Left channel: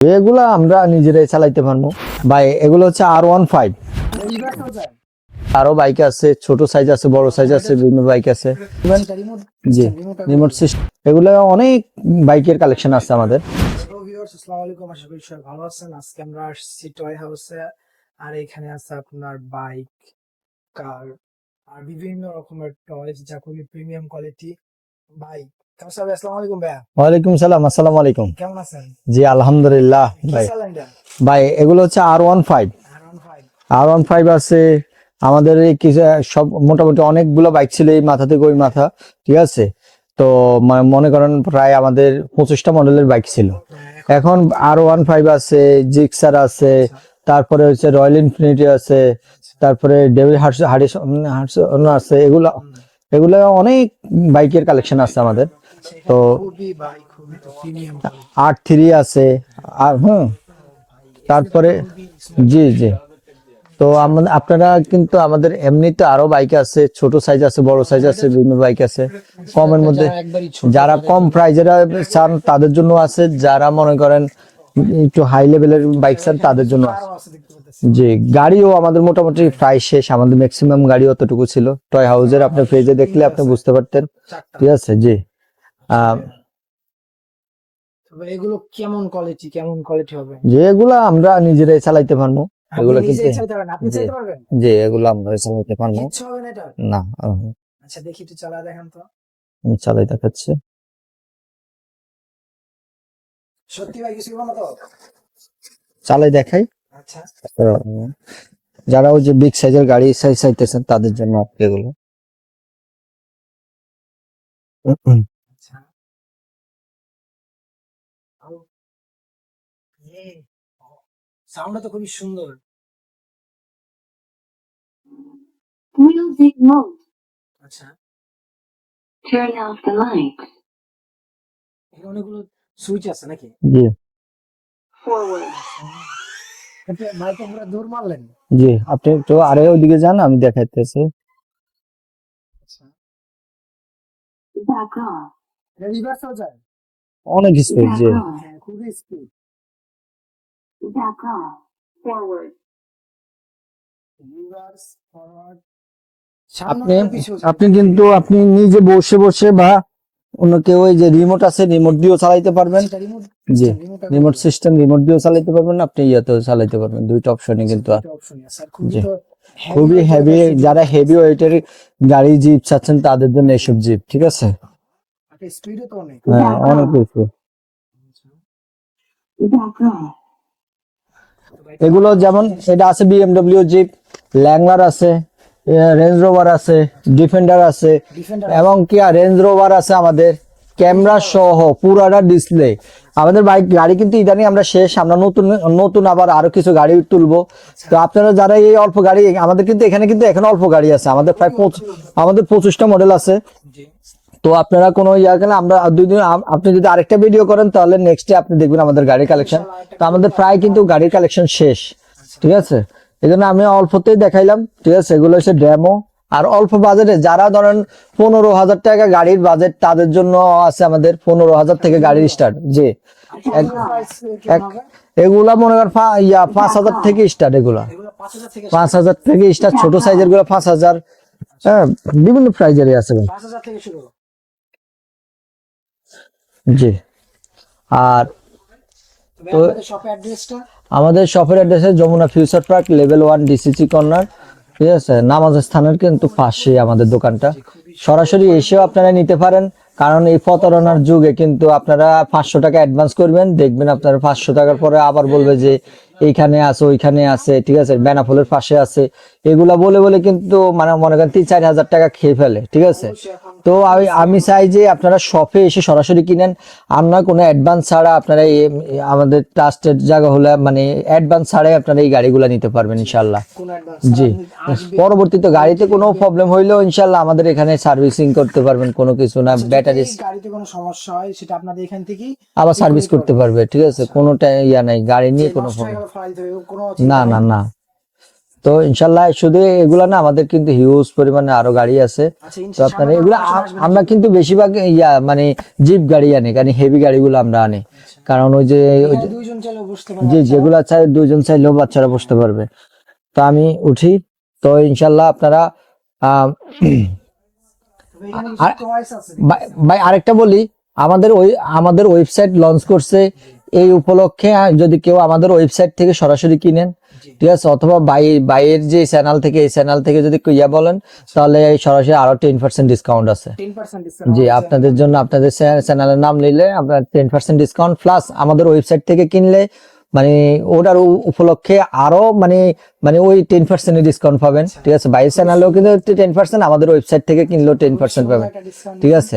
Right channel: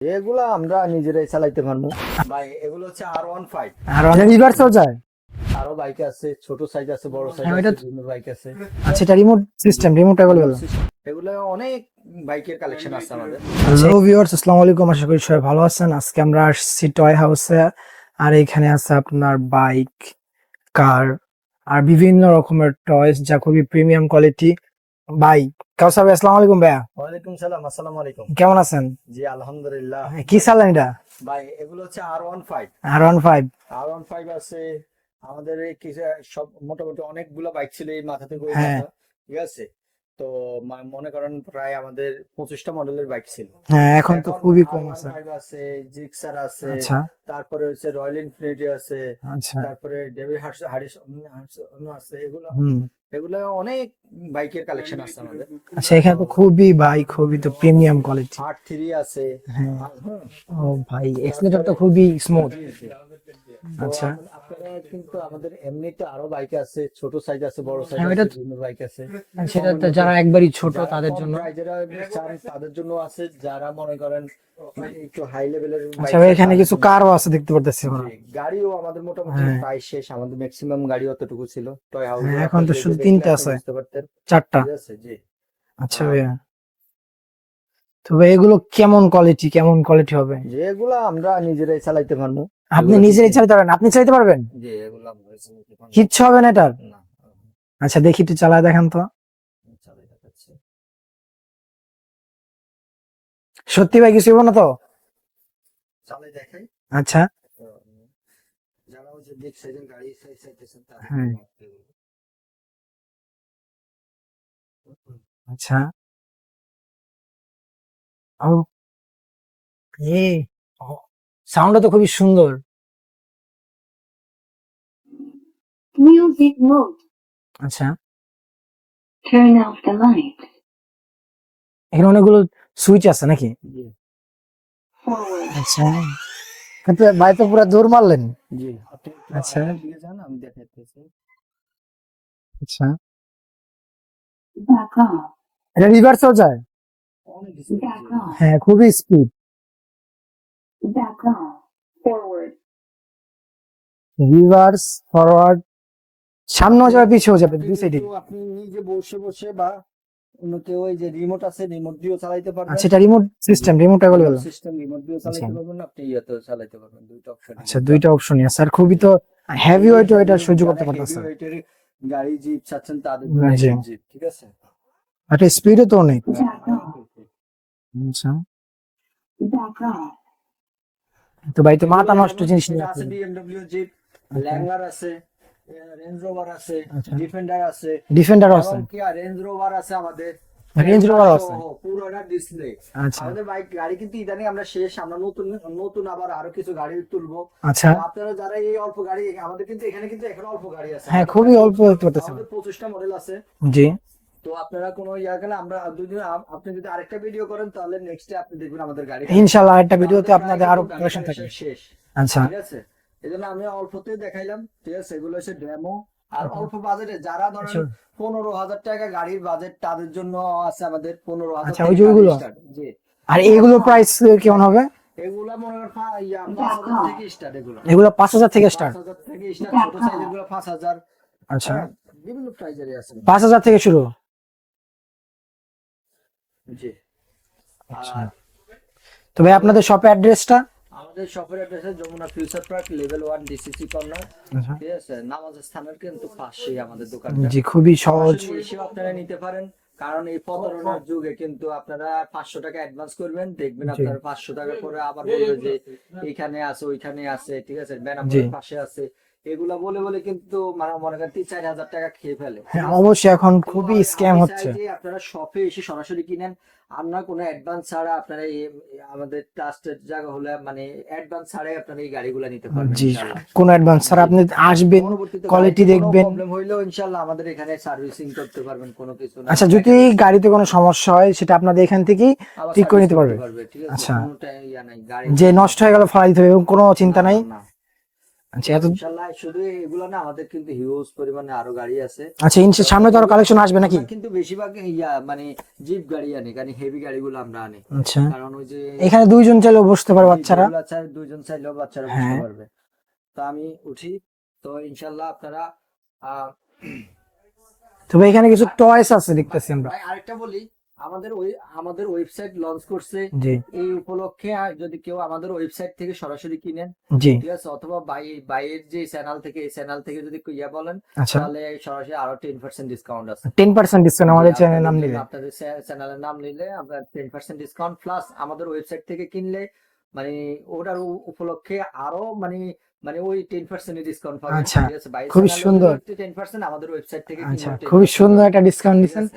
এগুলো আমরা নিজেরাই চালাইতে পারব। ভাই এগুলো হচ্ছে আর ওয়ান ফাইভ রিভার্সও যায়। আরও বাইক আছে ছোট সাইজ আছে বড় সাইজ আছে বিভিন্ন বাইক আছে। সেটা remote system remote Remote system। এগুলো অনেক বাইকের কালেকশন আছে আমাদের। হ্যালো ভিউয়ার্স আসসালামু আলাইকুম। আশা করি সবাই ভালো আছেন। আজকে আমরা আসছি টয় হাউসে আর এখানে আছে আপনার বাইক কার আর বিভিন্ন রকমের টয়স যা খুবই প্রিমিয়াম কোয়ালিটি ভাই কাউসার ভাই? আসসালামু আলাইকুম ভাইয়া। ওয়ালাইকুম সালাম আসসালামু আলাইকুম। কেমন আছেন? জি আলহামদুলিল্লাহ। কি। চালান এটা? ভাই এগুলো হচ্ছে R one five R one five R one five আছে আমাদের কিছু সব মোটামুটি অনেকগুলো বাইক ছিল এই মাথা থেকে ওই হ্যাঁ। মাথা ঠিক আছে? তো মনে করেন প্রায় আমাদের পঁচিশটা মডেলের বাইক ছিল। হ্যাঁ এখন আর ওয়ান ফাইভ আছে জিক্সার আছে আচ্ছা। তারপরে হচ্ছে রয়্যাল ইনফিনিটি আছে আচ্ছা। তারপরে ডেভিল হার্স হারিস আছে এগুলো। এগুলো অনেক বাইকের কালেকশন আছে আমাদের। আচ্ছা খুবই খুবই তো প্রিমিয়াম কোয়ালিটি আর থ্রি আছে হ্যাঁ। আর হুম। ভাই তারপরে- খুবই জি জি। তো আচ্ছা। আপনারা কিন্তু আমাদের এমনিতে আরও বাইক আছে ছোট সাইজ আছে বড় সাইজ আছে বিভিন্ন বাইক আছে। কমের মধ্যে যারা কম। প্রাইজের চান তাদের জন্য আছে। যারা মনে করেন একটু হাই লেভেলের বাইক কিছু কারও আছে দেখতে পারতেছি। জি গাড়িও আমাদের মোটামুটি হ্যাঁ। প্রায় শেষ আমাদের ম্যাক্সিমাম গাড়ি অতটুকু ছিল। টয় হাউসের এখন আপনি শুধু দেখলে আপনি বুঝতে পারতেন। চারটা। ঠিক আছে জি। আচ্ছা আহ, তো এগুলো কেমন কোয়ালিটি কেমন কোয়ালিটি হবে? যে এগুলো আমরা নিজেরাই চালাইতে পারব। আপনি এগুলো নিজে ঠিক- চালাতে পারবেন? আপনি জি। চালাতে পারবেন? যে এগুলো আমরা চালাইতে পারব। কিচ্ছু হবে না এটার? না আচ্ছা দেখি একটু চালায় দেখেন তো। আমি চালাই দেখাচ্ছি। সত্যি ভাই কিছু না তো? চালাই দেখাই। আচ্ছা। যারা ওই যে বিগ সাইজের গাড়ি সাইজ চাইতেছেন তাদের জন্য এগুলো। আচ্ছা। এ সাউন্ডটা তো খুবই সুন্দর. আচ্ছা. এখানে অনেকগুলো সুইচ আছে নাকি? জি। আচ্ছা। কিন্তু ভাই তো পুরো দৌড় মারলেন। জি আপনি একটু আচ্ছা। আরে ওইদিকে যান আমি দেখাইতেছি। আচ্ছা। এটা রিভার্সও যায়? অনেক স্পিড জি। হ্যাঁ খুবই স্পিড. রিভার্স ফরওয়ার্ড সামনে যাবে আপনি কিন্তু আপনি নিজে বসে বসে বা অন্য কেউ ওই যে রিমোট আছে রিমোট দিয়েও চালাইতে পারবেন। সেটা remote system remote remote system remote দিয়েও চালাইতে আচ্ছা। পারবেন আপনি ইয়াতেও চালাইতে পারবেন। দুইটা অপশনই কিন্তু। দুইটা অপশনই আছে। আর খুবই তো হেভি খুবই ওয়েট heavy, যারা হেভি ওয়েটের গাড়ি জিপ চাচ্ছেন তাদের জন্য। এসব জিপ ঠিক আছে? একটা স্পিডও তো অনেক। হ্যাঁ অনেক বেশি। আচ্ছা। তো ভাই তো এগুলো যেমন এটা আছে বিএমডব্লিউ জিপ ল্যাংলার আছে। রেঞ্জ রোভার আছে ডিফেন্ডার আছে ডিফেন্ডার এবং কি রেঞ্জ রোভার আছে আমাদের ক্যামেরা সহ পুরাটা ডিসপ্লে আচ্ছা। আমাদের বাইক গাড়ি কিন্তু ইদানিং আমরা শেষ আমরা নতুন নতুন আবার আরও কিছু গাড়ি তুলবো। আচ্ছা। তো আপনারা যারা এই অল্প গাড়ি আমাদের কিন্তু এখানে কিন্তু এখন অল্প গাড়ি আছে। হ্যাঁ, আমাদের। আমাদের পঁচিশটা মডেল আছে। জি। তো আপনারা কোনো ইয়া গেলে আমরা দুই দিন আপনি যদি আরেকটা ভিডিও করেন তাহলে নেক্সট ডে আপনি দেখবেন আমাদের গাড়ি কালেকশন আমাদের প্রায় কিন্তু গাড়ি কালেকশন শেষ। আচ্ছা। ঠিক আছে? এই জন্য আমি অল্পতেই দেখাইলাম ঠিক আছে? এগুলো হচ্ছে ডেমো আর অল্প বাজেটে যারা ধরেন পনেরো হাজার টাকা গাড়ির বাজেট তাদের জন্য আছে আমাদের পনেরো হাজার আচ্ছা, থেকে গাড়ি স্টার্ট জি। আর এগুলো প্রাইস কেমন হবে? এগুলা মনে করেন পা- ইয়া পাঁচ হাজার থেকে স্টার্ট এগুলা। এগুলো পাঁচ হাজার থেকে পাঁচ হাজার থেকে স্টার্ট ছোট সাইজেরগুলো পাঁচ হাজার। আচ্ছা। হ্যাঁ বিভিন্ন প্রাইজেরই আছে পাঁচ হাজার থেকে শুরু। জি। আর তবে আপনাদের শপের অ্যাড্রেসটা আমাদের শপের address Jamuna Future Park level one DCC corner ঠিক আছে? নামাজ স্থানের কিন্তু পাশে আমাদের দোকানটা। জি খুবই সরাসরি এসেও আপনারা নিতে পারেন। কারণ এই প্রতারণার যুগে কিন্তু আপনারা পাঁচশো টাকা অ্যাডভান্স করবেন। দেখবেন আপনারা পাঁচশো টাকার পরে আবার বলবে যে এইখানে আছে ওইখানে আছে ঠিক আছে? বেনাফলের পাশে আছে। এগুলা বলে বলে কিন্তু মানে মনে করেন তিন চার হাজার টাকা খেয়ে ফেলে ঠিক আছে? অবশ্যই এখন তো আমি। চাই যে আপনারা শপে এসে সরাসরি কিনেন। আর নয় কোনো অ্যাডভান্স ছাড়া আপনারা আমাদের ট্রাস্টেড জায়গা হলে মানে অ্যাডভান্স ছাড়াই আপনারা এই গাড়িগুলো নিতে পারবেন ইনশাল্লাহ কোনো অ্যাডভান্স জি। আপনি আসবে পরবর্তীতে গাড়িতে কোনো প্রবলেম হইলেও ইনশাল্লাহ আমাদের এখানে সার্ভিসিং করতে পারবেন কোনো কিছু না। আচ্ছা যদি গাড়িতে কোনো সমস্যা হয় সেটা আপনাদের এখান থেকেই আবার সার্ভিস করতে পারবে ঠিক আছে? আচ্ছা। কোনো ইয়া নাই গাড়ি যে নষ্ট হয়ে গেল দিতে হবে এরকম কোনো চিন্তা না নাই? না। না আচ্ছা তো ইনশাল্লাহ শুধু এগুলা না আমাদের কিন্তু হিউজ পরিমাণে আরও গাড়ি আছে। আচ্ছা সামনে তো কালেকশন আসবে আমরা কিন্তু বেশিরভাগ ইয়া মানে জিপ গাড়ি আনি কারণ হেভি গাড়িগুলো আমরা আনি। আচ্ছা। কারণ ওই যে এখানে দুইজন চাইলেও বসতে পারবে যেগুলা চাই দুইজন চাইলেও বাচ্চারা বসতে হ্যাঁ। পারবে। তো আমি উঠি। তো ইনশাল্লাহ আপনারা তবে এখানে কিছু টয়েস আছে ভাই আরেকটা বলি। আমাদের ওই আমাদের ওয়েবসাইট লঞ্চ করছে। এই উপলক্ষে যদি কেউ আমাদের ওয়েবসাইট থেকে সরাসরি কিনেন ঠিক আছে? অথবা বাই বাইয়ের যে চ্যানেল থেকে এই চ্যানেল থেকে যদি ইয়া বলেন আচ্ছা। তাহলে সরাসরি আরও টেন পার্সেন্ট ডিসকাউন্ট আছে। টেন পার্সেন্ট ডিসকাউন্ট আপনাদের জন্য আপনাদের চ্যানেলের নাম নিলে আপনার টেন পার্সেন্ট ডিসকাউন্ট প্লাস আমাদের ওয়েবসাইট থেকে কিনলে মানে ওটার উপলক্ষে আরও মানে মানে ওই টেন পার্সেন্ট ডিসকাউন্ট পাবেন আচ্ছা, ঠিক আছে? খুবই চ্যানেলেও। কিন্তু টেন পার্সেন্ট আমাদের ওয়েবসাইট থেকে কিনলেও টেন খুব পার্সেন্ট ঠিক আছে?